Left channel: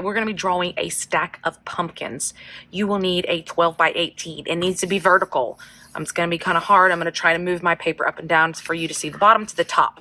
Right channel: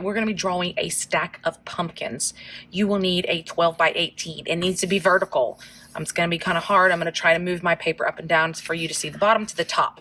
we're going to be drawing a stack of pumpkins. You will need a 12 by 18. It needs to be vertical. It's going to be kind of hard. I'm going to try to move my paper up and down for you to see the bottom to the top.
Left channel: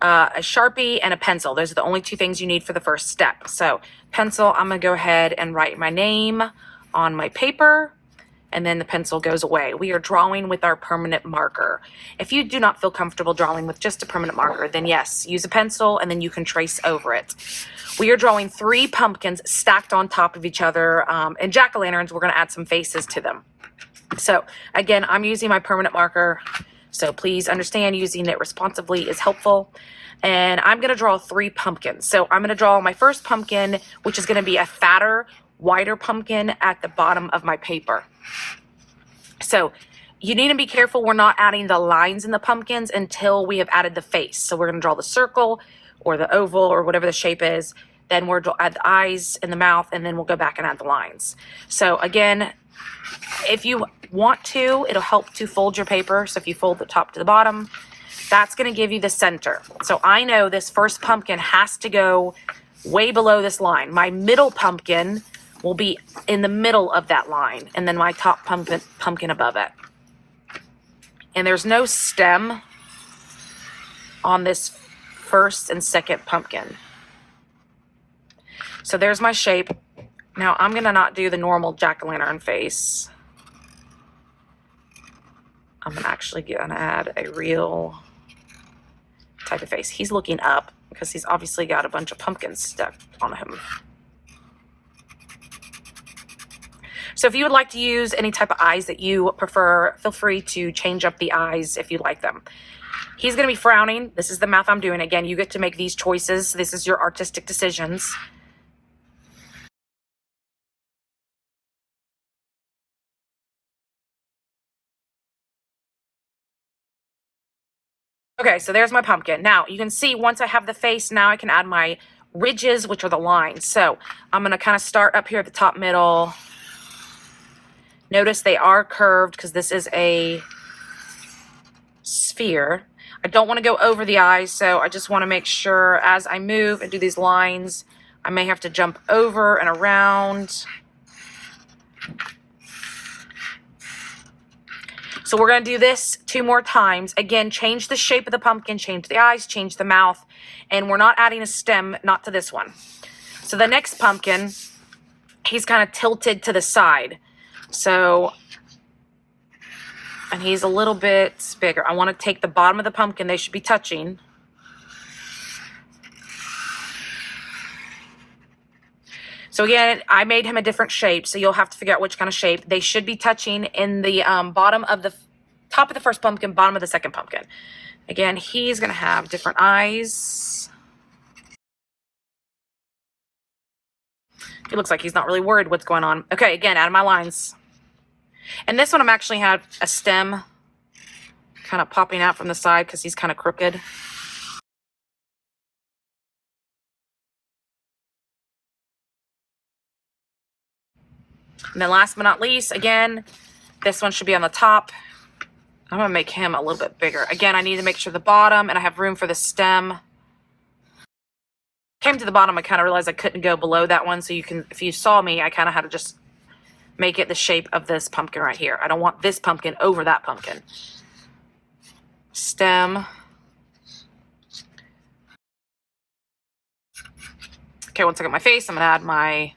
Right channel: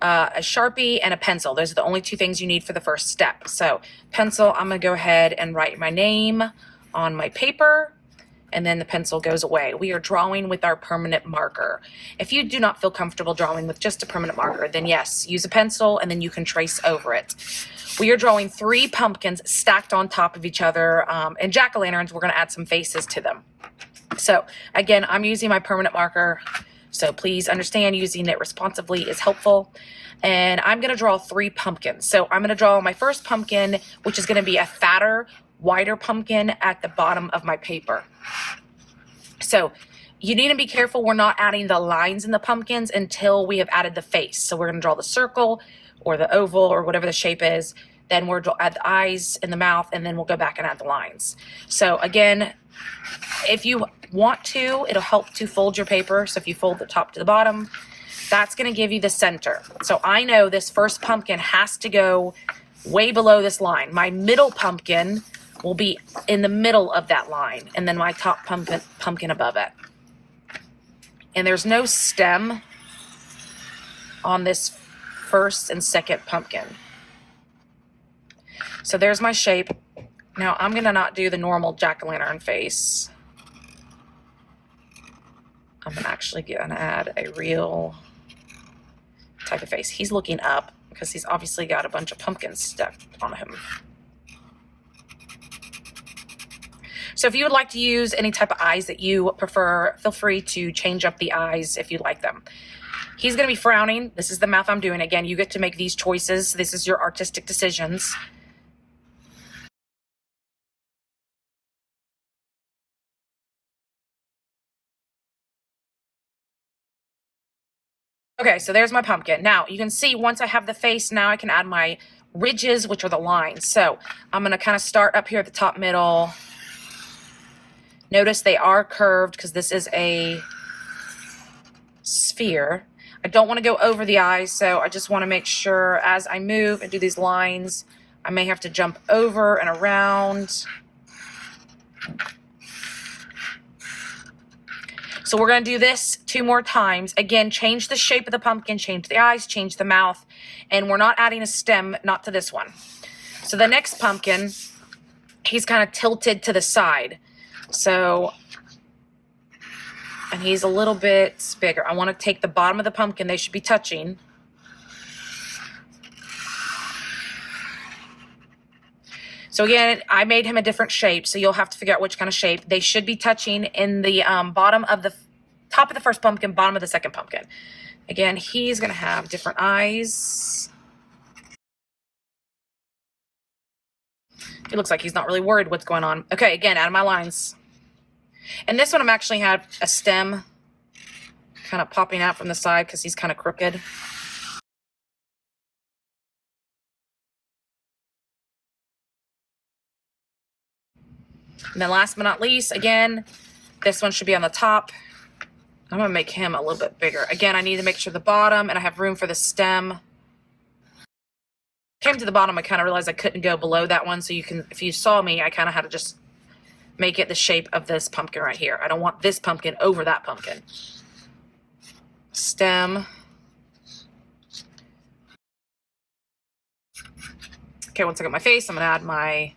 A Sharpie and a pencil. Those are the only two things you need for the first step. So pencil, I'm going to go ahead and write my name on my paper, and then the pencil goes away. We are drawing with our permanent marker. If you do not feel comfortable drawing with just a permanent marker, then yes, use a pencil and then you can trace over it. We are drawing 3 pumpkins stacked on top of each other, and jack-o'-lanterns, we're going to add some faces to them. So again, I'm using my permanent marker, so please understand using it responsibly is helpful. And I'm going to draw 3 pumpkins. So I'm going to draw my first pumpkin, which is going to be a fatter, wider pumpkin at the bottom of my paper. So you need to be careful we're not adding the lines in the pumpkins until we have added the face. So we're going to draw the circle or the oval or whatever the shape is. Then we'll add the eyes and the mouth, and then we'll go back and add the lines. So again, if you want to, it'll help to fold your paper. So if you fold the top to the bottom, that's going to give you the center. So I know this first pumpkin has to go way below this line. My middle pumpkin will be in the middle of that line, and then my top pumpkin above it. And there's no stem on this first and second pumpkin. So there's my shape. Now I'm gonna not do the normal jack-o'-lantern face. I'm actually gonna add a real type of face. He's looking up because he's obviously got a bunch of pumpkins stuck on him. So if you would like to use any type of eyes that you prefer, feel free to change up the eyes if you like them. He's going to be frowning. This is the mouth I'm doing. Again, you get to make these choices. This is your artistic decisions. Okay, so there's my pumpkin. Now, you can see once I have the face, now I can add my ridges, which are the lines. So I'm going to kind of start up here at the top middle. Notice they are curved because this is a sphere. I don't want to go over the eyes, so I just want to make sure as I move and do these lines, I may have to jump over and around. So we're going to do this 2 more times. Again, change the shape of the pumpkin, change the eyes, change the mouth, and we're not adding a stem, not to this one. So the next pumpkin, he's kind of tilted to the side. So, and he's a little bit bigger. I want to take the bottom of the pumpkin. They should be touching. So again, I made him a different shape, so you'll have to figure out which kind of shape. They should be touching in the bottom of the top of the first pumpkin, bottom of the second pumpkin. Again, he's going to have different eyes. It looks like he's not really worried what's going on. Okay, again, out of my lines. And this one I'm actually have a stem kind of popping out from the side because he's kind of crooked. And then last but not least, again, this one should be on the top. I'm going to make him a little bit bigger. Again, I need to make sure the bottom, and I have room for the stem. Came to the bottom, I kind of realized I couldn't go below that one. So you can, if you saw me, I kind of had to just make it the shape of this pumpkin right here. I don't want this pumpkin over that pumpkin. Stem. Okay, once I got my face, I'm going to add my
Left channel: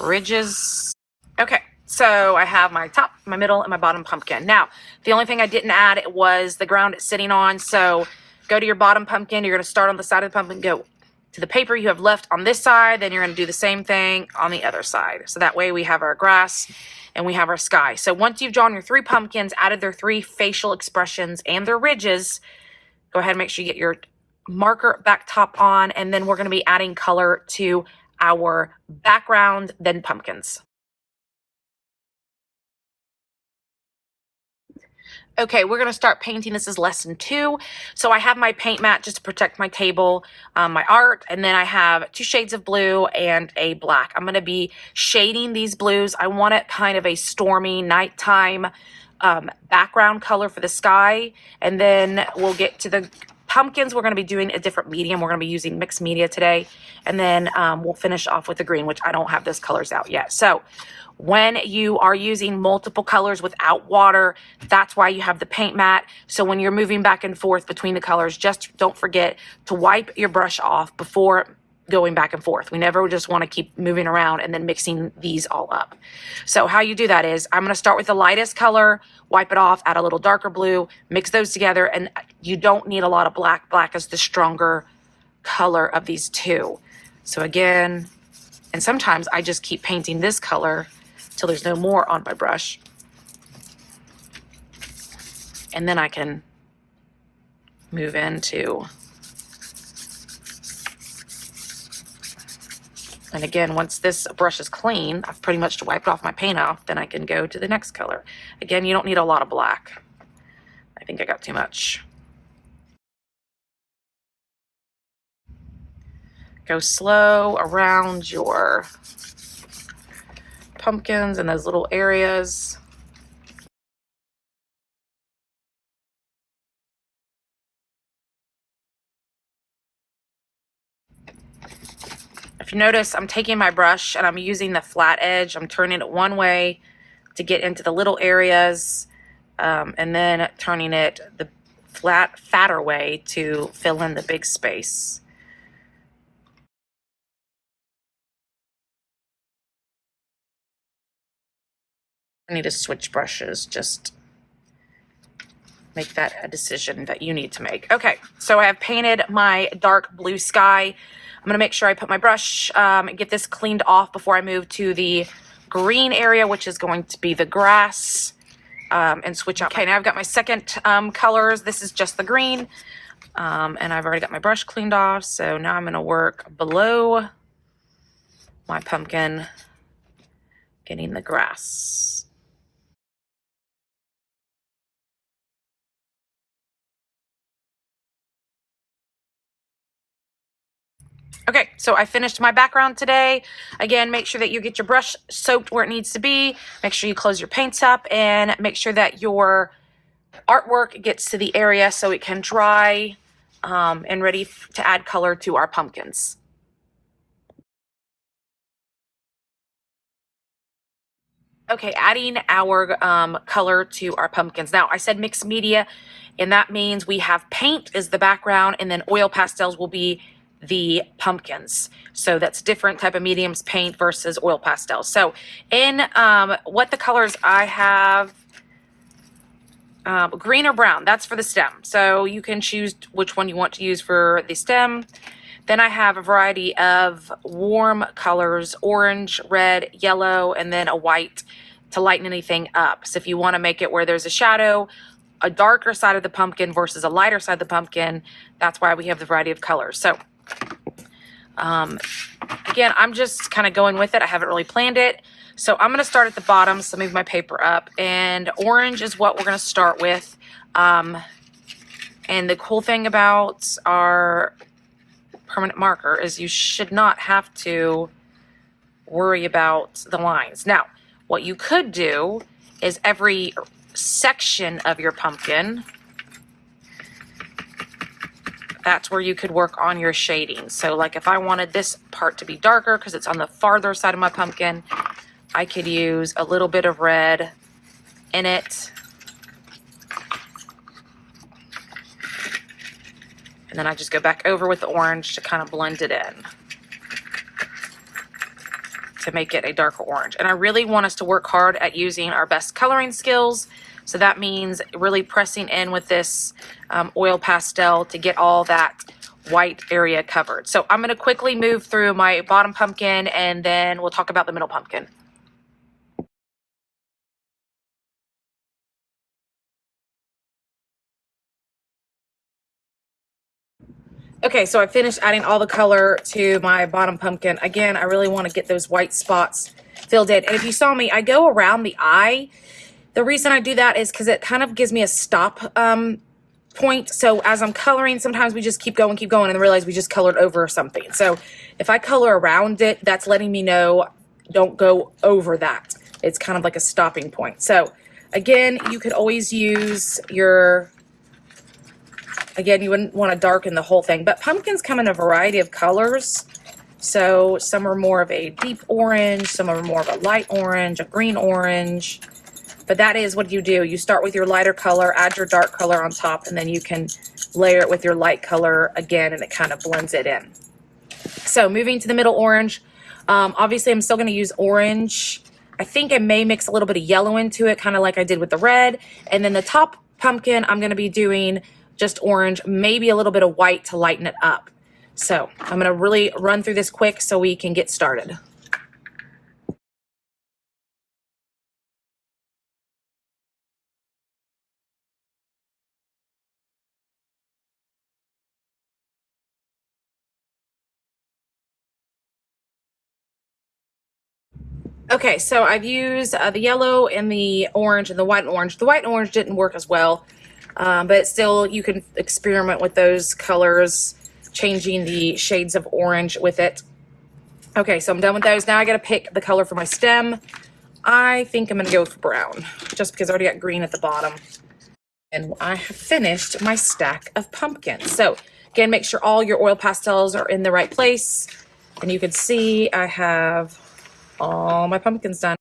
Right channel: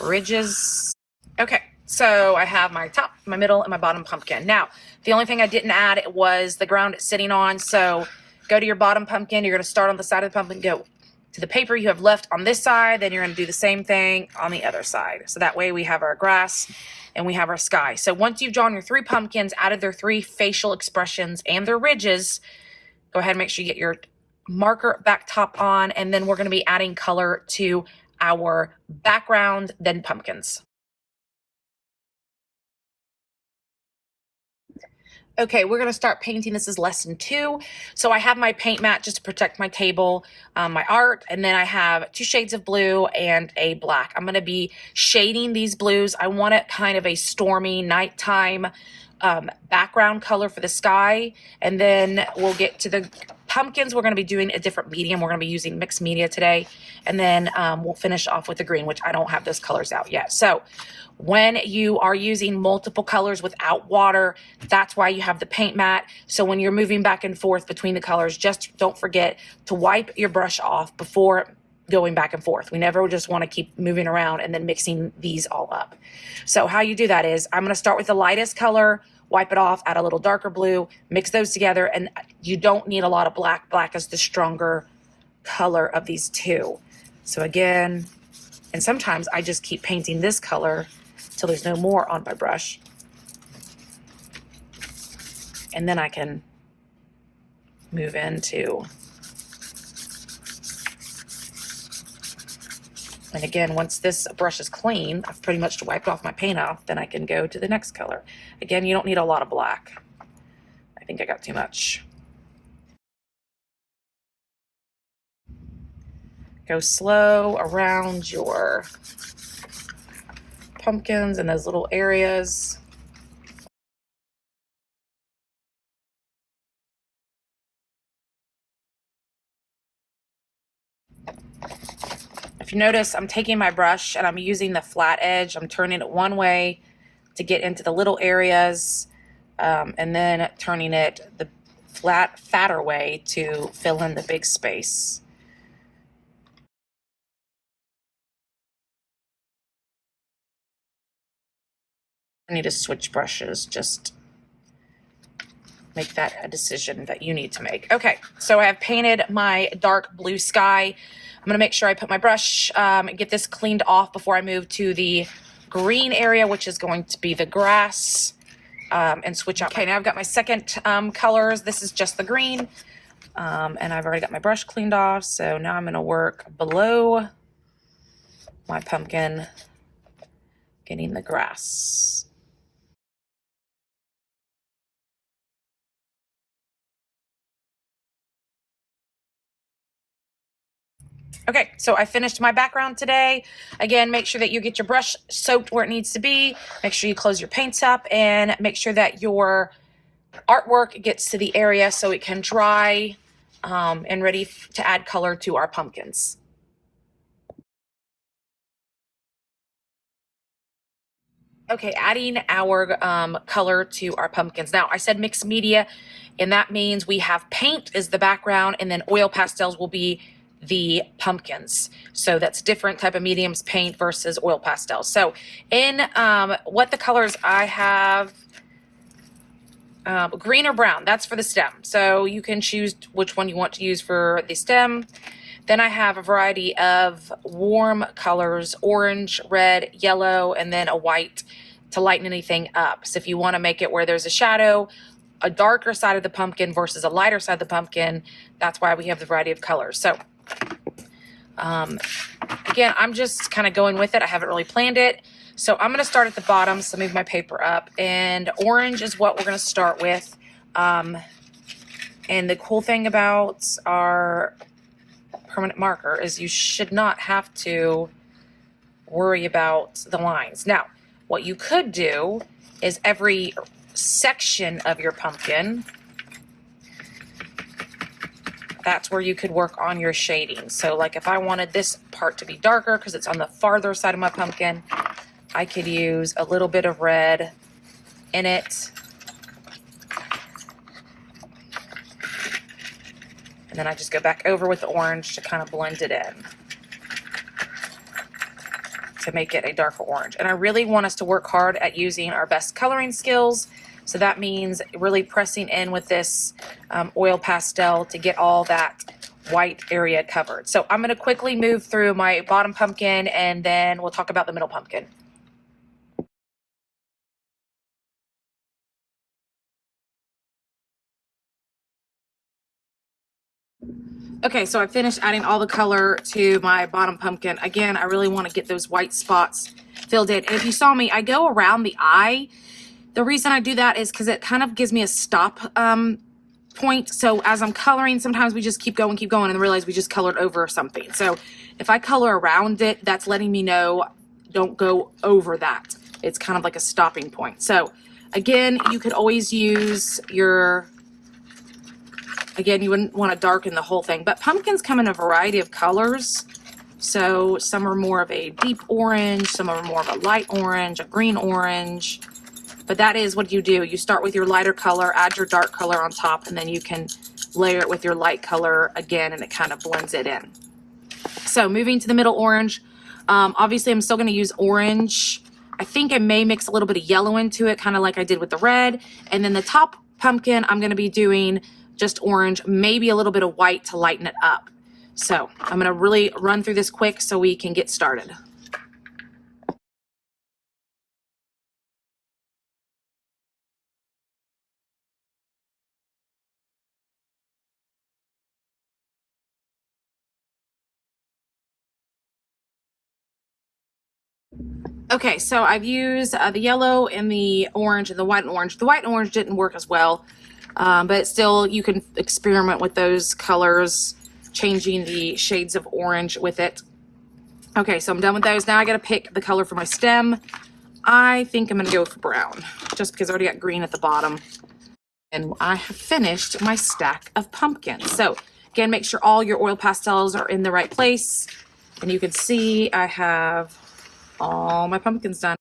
ridges. Okay, so I have my top, my middle, and my bottom pumpkin. Now, the only thing I didn't add was the ground it's sitting on. So go to your bottom pumpkin. You're going to start on the side of the pumpkin, go to the paper you have left on this side. Then you're going to do the same thing on the other side. So that way we have our grass and we have our sky. So once you've drawn your 3 pumpkins, added their 3 facial expressions and their ridges, go ahead and make sure you get your marker back top on. And then we're going to be adding color to our background, then pumpkins. Okay, we're going to start painting. This is lesson 2. So I have my paint mat just to protect my table, my art, and then I have 2 shades of blue and a black. I'm going to be shading these blues. I want it kind of a stormy nighttime background color for the sky. And then we'll get to the pumpkins. We're going to be doing a different medium. We're going to be using mixed media today. And then we'll finish off with the green, which I don't have those colors out yet. So when you are using multiple colors without water, that's why you have the paint mat. So when you're moving back and forth between the colors, just don't forget to wipe your brush off before going back and forth. We never just want to keep moving around and then mixing these all up. So how you do that is I'm going to start with the lightest color, wipe it off, add a little darker blue, mix those together, and you don't need a lot of black. Black is the stronger color of these two. So again, and sometimes I just keep painting this color till there's no more on my brush. And then I can move into, and again, once this brush is clean, I've pretty much wiped off my paint off, then I can go to the next color. Again, you don't need a lot of black. I think I got too much. Go slow around your pumpkins and those little areas. If you notice, I'm taking my brush and I'm using the flat edge. I'm turning it one way to get into the little areas, and then turning it the flat, fatter way to fill in the big space. I need to switch brushes, just make that a decision that you need to make. Okay, so I have painted my dark blue sky. I'm gonna make sure I put my brush, get this cleaned off before I move to the green area, which is going to be the grass, and switch out. Okay, now I've got my second colors. This is just the green, and I've already got my brush cleaned off. So now I'm gonna work below my pumpkin, getting the grass. Okay, so I finished my background today. Again, make sure that you get your brush soaked where it needs to be. Make sure you close your paints up and make sure that your artwork gets to the area so it can dry and ready to add color to our pumpkins. Okay, adding our color to our pumpkins. Now, I said mixed media, and that means we have paint as the background, and then oil pastels will be the pumpkins. So that's different type of mediums, paint versus oil pastels. So in what the colors I have, green or brown, that's for the stem. So you can choose which one you want to use for the stem. Then I have a variety of warm colors, orange, red, yellow, and then a white to lighten anything up. So if you want to make it where there's a shadow, a darker side of the pumpkin versus a lighter side of the pumpkin, that's why we have the variety of colors. So again, I'm just kind of going with it. I haven't really planned it. So I'm going to start at the bottom. So move my paper up, and orange is what we're going to start with. And the cool thing about our permanent marker is you should not have to worry about the lines. Now, what you could do is every section of your pumpkin, that's where you could work on your shading. So like if I wanted this part to be darker because it's on the farther side of my pumpkin, I could use a little bit of red in it. And then I just go back over with the orange to kind of blend it in to make it a darker orange. And I really want us to work hard at using our best coloring skills. So that means really pressing in with this oil pastel to get all that white area covered. So I'm going to quickly move through my bottom pumpkin and then we'll talk about the middle pumpkin. Okay, so I finished adding all the color to my bottom pumpkin. Again, I really want to get those white spots filled in. And if you saw me, I go around the eye. The reason I do that is because it kind of gives me a stop point. So as I'm coloring, sometimes we just keep going and then realize we just colored over something. So if I color around it, that's letting me know don't go over that. It's kind of like a stopping point. So Again, you could always use your, again, you wouldn't want to darken the whole thing, but pumpkins come in a variety of colors. So some are more of a deep orange, some are more of a light orange, a green orange. But that is what you do. You start with your lighter color, add your dark color on top, and then you can layer it with your light color again, and it kind of blends it in. So moving to the middle orange, obviously I'm still going to use orange. I think I may mix a little bit of yellow into it, kind of like I did with the red. And then the top pumpkin, I'm going to be doing just orange, maybe a little bit of white to lighten it up. So I'm going to really run through this quick so we can get started. Okay, so I've used the yellow and the orange and the white and orange. The white and orange didn't work as well, but still you can experiment with those colors, changing the shades of orange with it. Okay, so I'm done with those. Now I got to pick the color for my stem. I think I'm going to go for brown, just because I already got green at the bottom. And I have finished my stack of pumpkins. So again, make sure all your oil pastels are in the right place. And you can see I have all my pumpkins done.